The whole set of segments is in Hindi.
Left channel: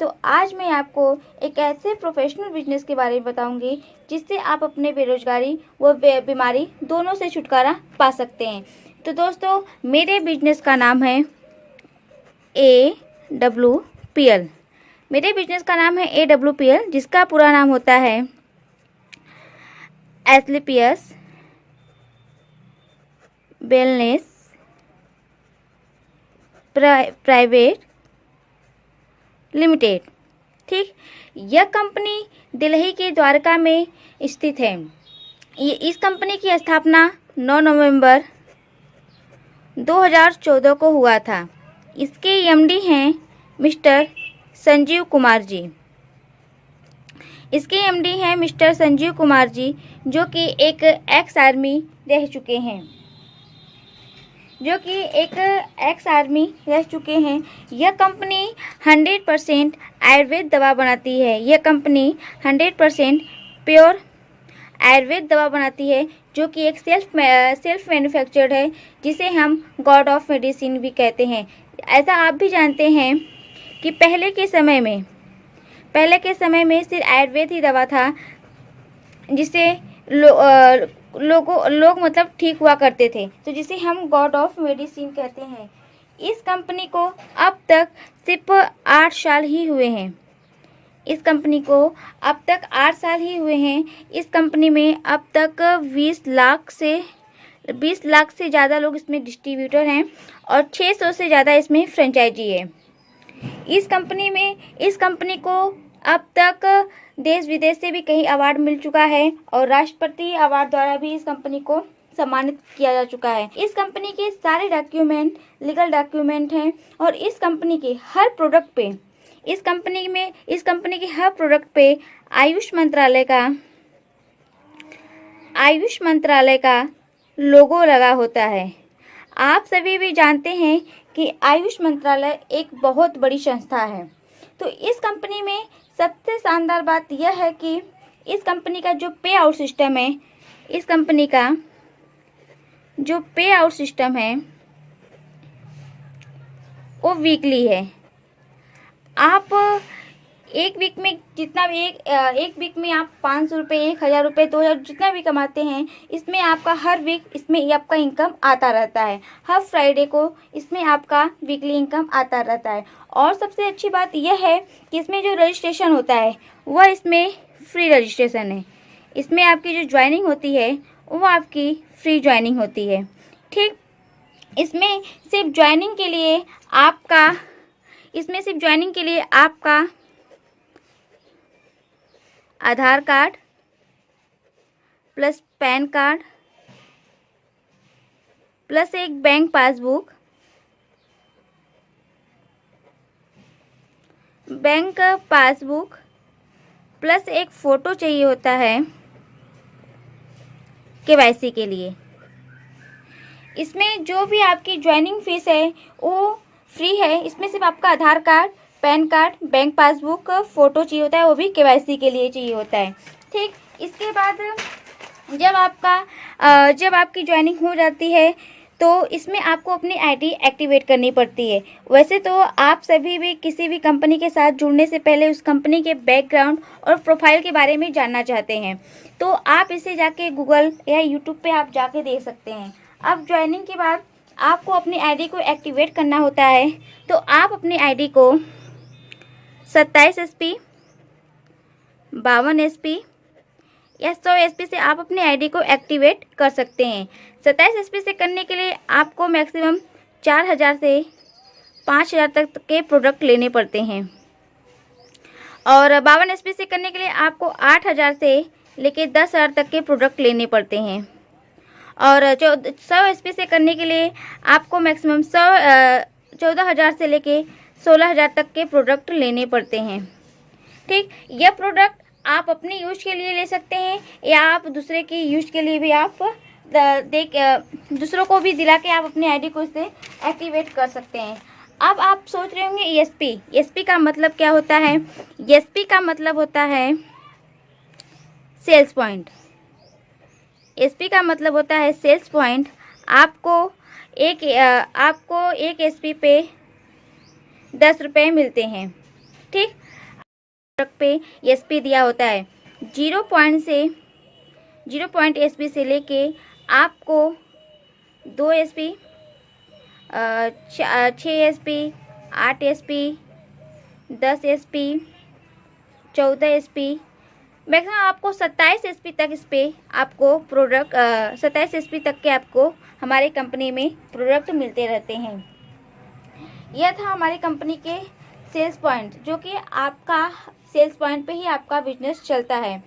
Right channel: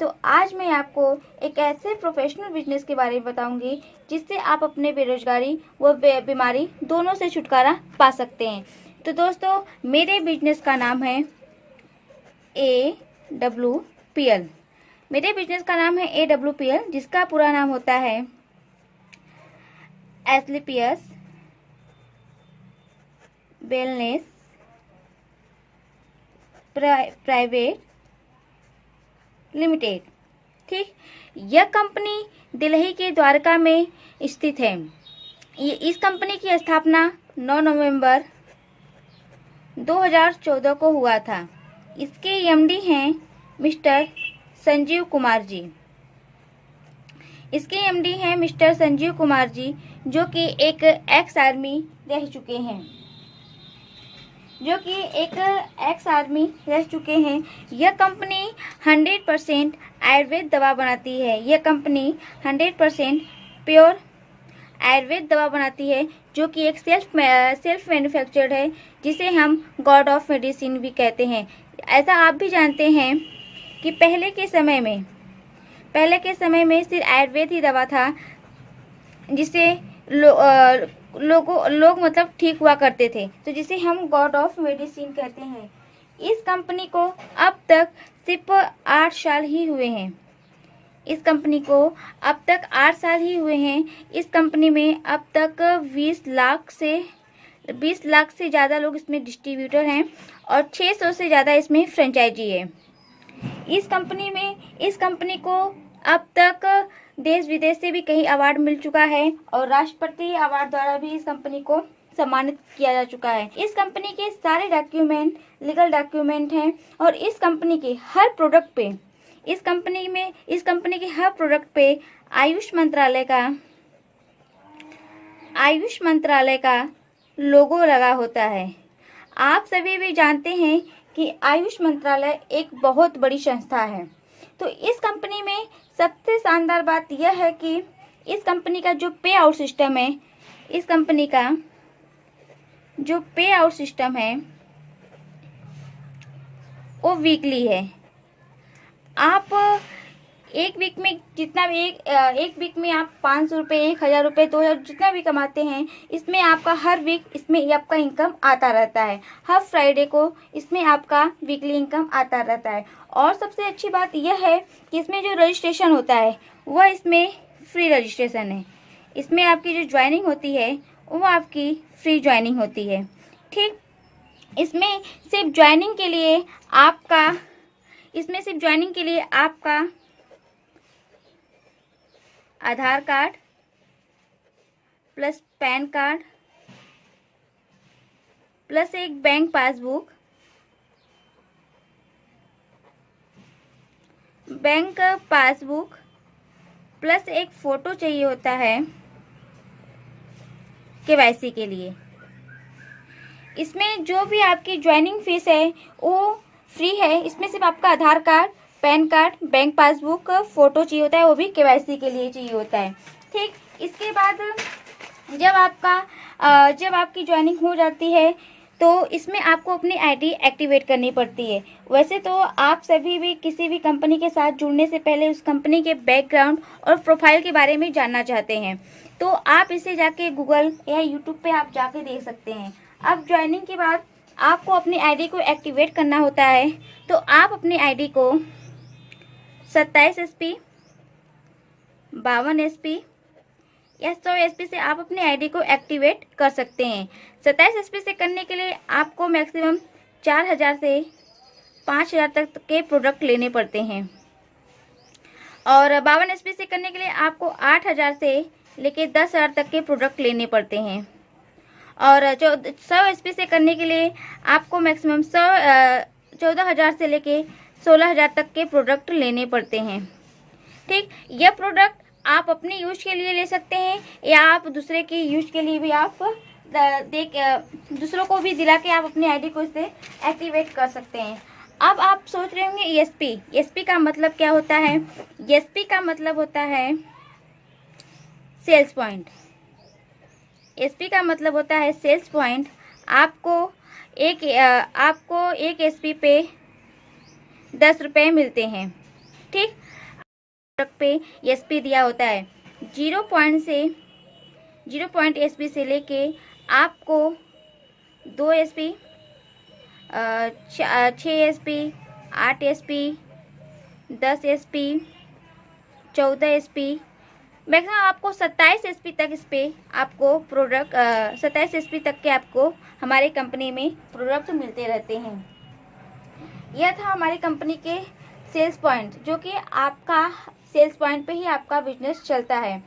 तो आज मैं आपको एक ऐसे प्रोफेशनल बिजनेस के बारे में बताऊंगी जिससे आप अपने बेरोजगारी व बीमारी दोनों से छुटकारा पा सकते हैं। तो दोस्तों, मेरे बिजनेस का नाम है AWPL। मेरे बिजनेस का नाम है AWPL, जिसका पूरा नाम होता है एस्क्लेपियस वेलनेस प्राइवेट लिमिटेड। ठीक, यह कंपनी दिल्ली के द्वारका में स्थित है। इस कंपनी की स्थापना 9 नवंबर 2014 को हुआ था। इसके एमडी हैं मिस्टर संजीव कुमार जी। इसके एमडी हैं मिस्टर संजीव कुमार जी, जो कि एक एक्स आर्मी रह चुके हैं। यह कंपनी 100% आयुर्वेद दवा बनाती है। यह कंपनी 100% प्योर आयुर्वेद दवा बनाती है, जो कि एक सेल्फ मैन्युफैक्चर्ड है, जिसे हम गॉड ऑफ मेडिसिन भी कहते हैं। ऐसा आप भी जानते हैं कि पहले के समय में सिर्फ आयुर्वेद ही दवा था, जिसे लोग मतलब ठीक हुआ करते थे, तो जिसे हम गॉड ऑफ मेडिसिन कहते हैं। इस कंपनी को अब तक सिर्फ 8 साल ही हुए हैं। इस कंपनी में अब तक 20 लाख से ज़्यादा लोग इसमें डिस्ट्रीब्यूटर हैं और 600 से ज़्यादा इसमें फ्रेंचाइजी है। इस कंपनी को अब तक देश विदेश से भी कई अवार्ड मिल चुका है और राष्ट्रपति अवार्ड द्वारा भी इस कंपनी को सम्मानित किया जा चुका है। इस कंपनी के सारे डॉक्यूमेंट लीगल डॉक्यूमेंट हैं और इस कंपनी के हर प्रोडक्ट पे आयुष मंत्रालय का लोगो लगा होता है। आप सभी भी जानते हैं कि आयुष मंत्रालय एक बहुत बड़ी संस्था है। तो इस कंपनी में सबसे शानदार बात यह है कि इस कंपनी का जो पे आउट सिस्टम है वो वीकली है। आप एक वीक में आप 500 रुपये, 1000 रुपये, 2000 जितना भी कमाते हैं, इसमें आपका हर वीक इसमें आपका इनकम आता रहता है। हर फ्राइडे को इसमें आपका वीकली इनकम आता रहता है। और सबसे अच्छी बात यह है कि इसमें जो रजिस्ट्रेशन होता है वह इसमें फ्री रजिस्ट्रेशन है। इसमें आपकी जो ज्वाइनिंग होती है वो आपकी फ्री ज्वाइनिंग होती है। ठीक, इसमें सिर्फ ज्वाइनिंग के लिए आपका Aadhaar card plus PAN card plus एक बैंक पासबुक प्लस एक फोटो चाहिए होता है केवाईसी के लिए। इसमें जो भी आपकी ज्वाइनिंग फीस है वो फ्री है। इसमें सिर्फ आपका Aadhaar card, PAN card, bank passbook, photo चाहिए होता है, वो भी केवाईसी के लिए चाहिए होता है। ठीक, इसके बाद जब आपकी ज्वाइनिंग हो जाती है तो इसमें आपको अपनी आईडी एक्टिवेट करनी पड़ती है। वैसे तो आप सभी भी किसी भी कंपनी के साथ जुड़ने से पहले उस कंपनी के बैकग्राउंड और प्रोफाइल के बारे में जानना चाहते हैं, तो आप इसे जाके गूगल या यूट्यूब पे आप जाके देख सकते हैं। अब ज्वाइनिंग के बाद आपको अपनी आईडी को एक्टिवेट करना होता है, तो आप अपनी आईडी को 27 SP, 52 SP या 100 SP से आप अपनी आईडी को एक्टिवेट कर सकते हैं। 27 SP से करने के लिए आपको मैक्सिमम 4000 से 5000 तक के प्रोडक्ट लेने पड़ते हैं और 52 SP से करने के लिए आपको 8000 से लेके 10,000 तक के प्रोडक्ट लेने पड़ते हैं और 100 SP से करने के लिए आपको मैक्सिमम 14,000 से लेके 16,000 तक के प्रोडक्ट लेने पड़ते हैं। ठीक, यह प्रोडक्ट आप अपने यूज के लिए ले सकते हैं या आप दूसरे के यूज के लिए भी आप दूसरों को भी दिला के आप अपनी आईडी को इससे एक्टिवेट कर सकते हैं। अब आप सोच रहे होंगे ESP का मतलब क्या होता है? ESP का मतलब होता है सेल्स पॉइंट। SP का मतलब होता है सेल्स पॉइंट। आपको एक SP पे 10 रुपये मिलते हैं। ठीक, पे एसपी दिया होता है। 0 एसपी से लेके आपको 2 SP, 6 SP, 8 SP, 10 SP, 14 SP, maximum आपको 27 एसपी तक इस पे आपको प्रोडक्ट 27 एसपी तक के आपको हमारे कंपनी में प्रोडक्ट मिलते रहते हैं। यह था हमारी कंपनी के सेल्स पॉइंट, जो कि आपका सेल्स पॉइंट पे ही आपका बिजनेस चलता है।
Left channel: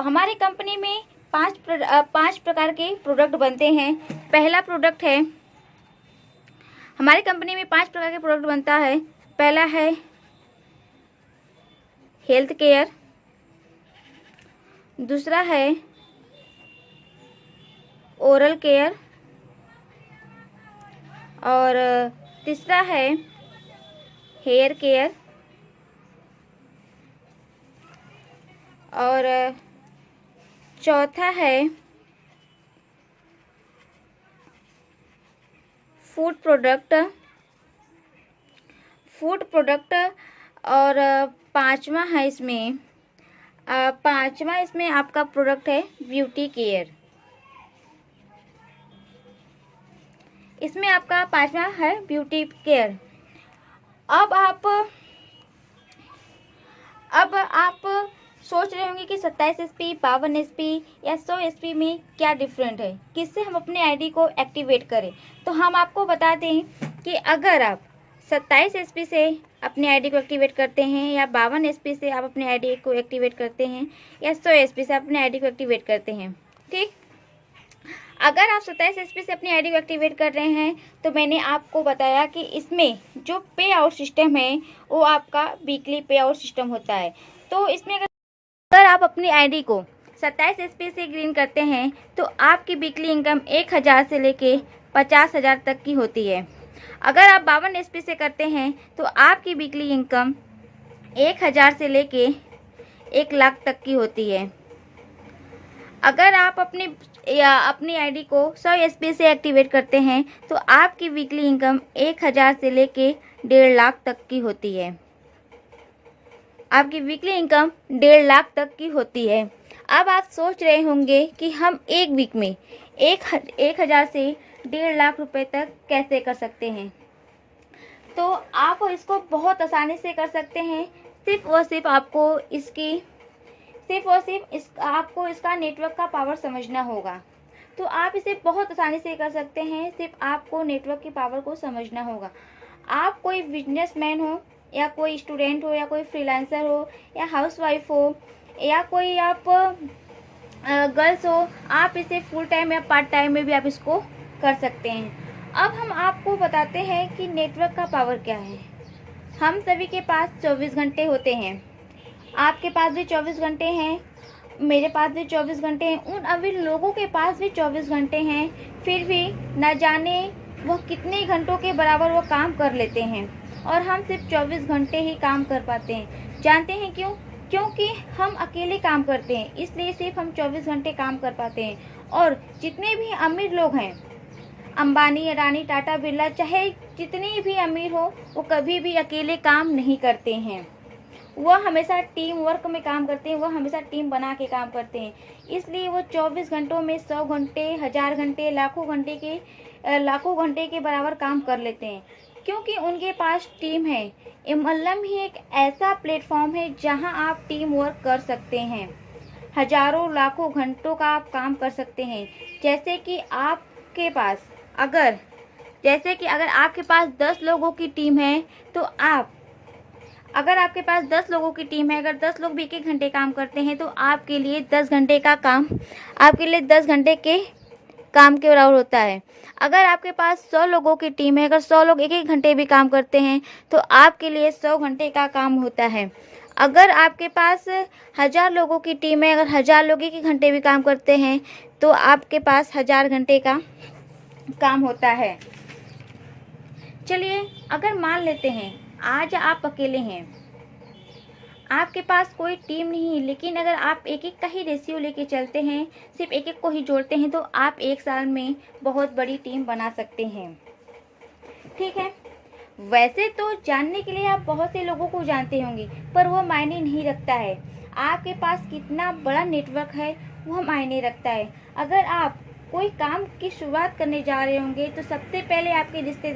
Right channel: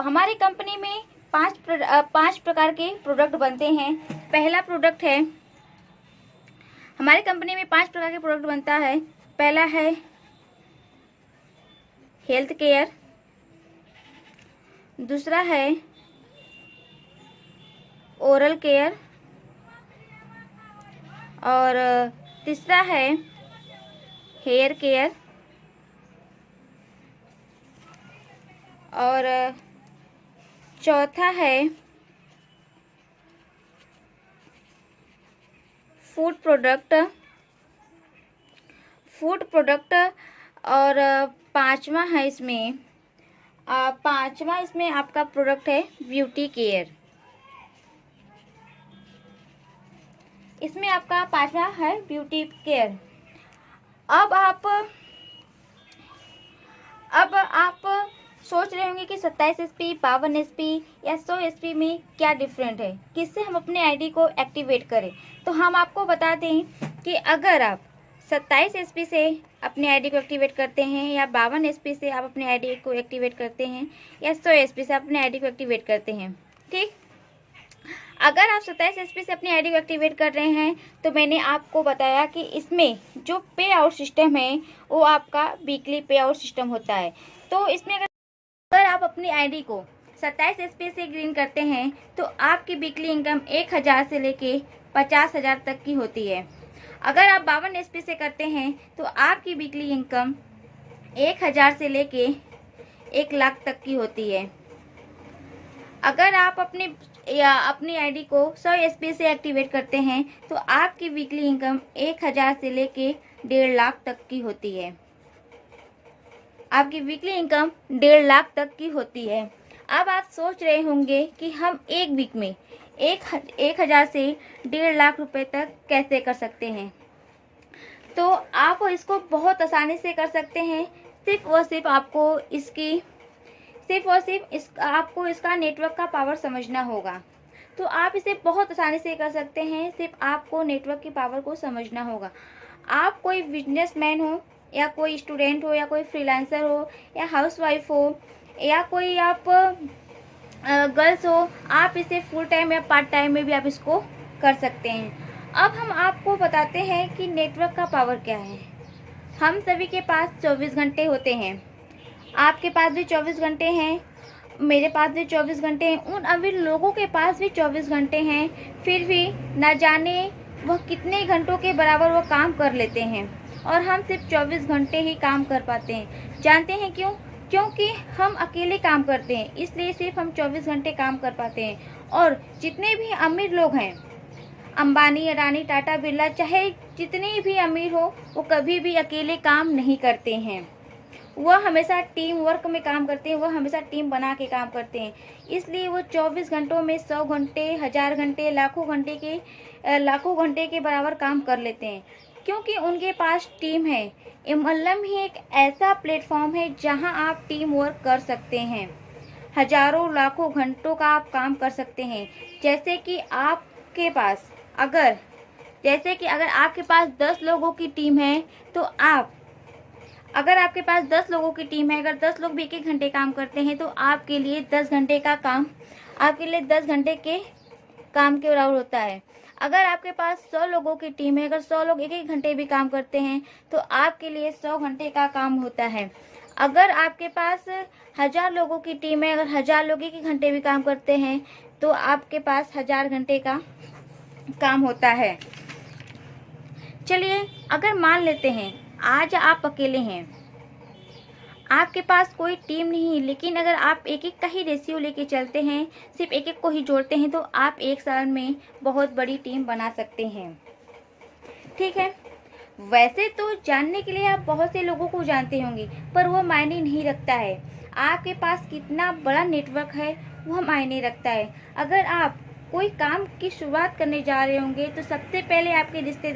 हमारी कंपनी में 5 प्रकार के प्रोडक्ट बनते हैं। पहला प्रोडक्ट है, हमारी कंपनी में 5 प्रकार के प्रोडक्ट बनता है। पहला है हेल्थ केयर, दूसरा है ओरल केयर, और तीसरा है हेयर केयर, और चौथा है फूड प्रोडक्ट, और पांचवा इसमें आपका प्रोडक्ट है ब्यूटी केयर। इसमें आपका पांचवा है ब्यूटी केयर। अब आप सोच रहे होंगे कि 27 एसपी, 52 एसपी या 100 एसपी में क्या डिफरेंट है, किससे हम अपने आईडी को एक्टिवेट करें। तो हम आपको बता दें कि अगर आप 27 एसपी से अपने आईडी को एक्टिवेट करते हैं, या 52 एसपी से आप अपने आईडी को एक्टिवेट करते हैं, या 100 एसपी से अपने आईडी को एक्टिवेट करते हैं, ठीक। अगर आप 27 एसपी से अपनी आईडी को एक्टिवेट कर रहे हैं, तो मैंने आपको बताया कि इसमें जो पे आउट सिस्टम है वो आपका वीकली पे आउट सिस्टम होता है। तो इसमें अगर आप अपनी आईडी को 27 एसपी से ग्रीन करते हैं, तो आपकी वीकली इनकम 1000 से लेके 50,000 तक की होती है। अगर आप 52 एसपी से करते हैं, तो आपकी वीकली इनकम 1000 से लेके 1 लाख तक की होती है। अगर आप अपनी आईडी को 100 एसपी से एक्टिवेट करते हैं, तो आपकी वीकली इनकम 1000 से लेके 1.5 लाख तक की होती है। आपकी वीकली इनकम 1.5 लाख तक की होती है। अब आप सोच रहे होंगे कि हम एक वीक में 1000 से 1.5 लाख रुपए तक कैसे कर सकते हैं। तो आप इसको बहुत आसानी से कर सकते हैं। सिर्फ और सिर्फ आपको इसका नेटवर्क का पावर समझना होगा। तो आप इसे बहुत आसानी से कर सकते हैं। सिर्फ आपको नेटवर्क की पावर को समझना होगा। आप कोई बिजनेसमैन हो, या कोई स्टूडेंट हो, या कोई फ्रीलांसर हो, या हाउसवाइफ हो, या कोई आप गर्ल्स हो, आप इसे फुल टाइम या पार्ट टाइम में भी आप इसको कर सकते हैं। अब हम आपको बताते हैं कि नेटवर्क का पावर क्या है। हम सभी के पास 24 घंटे होते हैं। आपके पास भी 24 घंटे हैं, मेरे पास भी 24 घंटे हैं, उन अमीर लोगों के पास भी 24 घंटे हैं। फिर भी न जाने वह कितने घंटों के बराबर वो काम कर लेते हैं, और हम सिर्फ 24 घंटे ही काम कर पाते हैं। जानते हैं क्यों? क्योंकि हम अकेले काम करते हैं, इसलिए सिर्फ हम 24 घंटे काम कर पाते हैं। और जितने भी अमीर लोग हैं, अंबानी, अडानी, टाटा, बिरला, चाहे जितने भी अमीर हो, वो कभी भी अकेले काम नहीं करते हैं। वह हमेशा टीम वर्क में काम करते हैं, वह हमेशा टीम बना के काम करते हैं। इसलिए वो 24 घंटों में 100 घंटे, 1000 घंटे, लाखों घंटे के बराबर काम कर लेते हैं, क्योंकि उनके पास टीम है। एमएलएम ही एक ऐसा प्लेटफॉर्म है जहां आप टीम वर्क कर सकते हैं। हजारों लाखों घंटों का आप काम कर सकते हैं। जैसे कि अगर आपके पास 10 लोगों की टीम है, तो अगर आपके पास 10 लोगों की टीम है, अगर 10 लोग भी 1-1 घंटे काम करते हैं, तो आपके लिए 10 घंटे का काम, आपके लिए 10 घंटे के काम के बराबर होता है। अगर आपके पास 100 लोगों की टीम है, अगर 100 लोग 1-1 घंटे भी काम करते हैं, तो आपके लिए 100 घंटे का काम होता है। अगर आपके पास 1000 लोगों की टीम है, अगर 1000 लोग 1-1 घंटे भी काम करते हैं, तो आपके पास 1000 घंटे का काम होता है। चलिए, अगर मान लेते हैं आज आप अकेले हैं, आपके पास कोई टीम नहीं, लेकिन अगर आप 1-1 का ही रेशियो लेके चलते हैं, सिर्फ 1-1 को ही जोड़ते हैं, तो आप 1 साल में बहुत बड़ी टीम बना सकते हैं। ठीक है, वैसे तो जानने के लिए आप बहुत से लोगों को जानते होंगे, पर वह मायने नहीं रखता है। आपके पास कितना बड़ा नेटवर्क है वह मायने रखता है। अगर आप कोई काम की शुरुआत करने जा रहे होंगे तो सबसे पहले आपके रिश्तेदार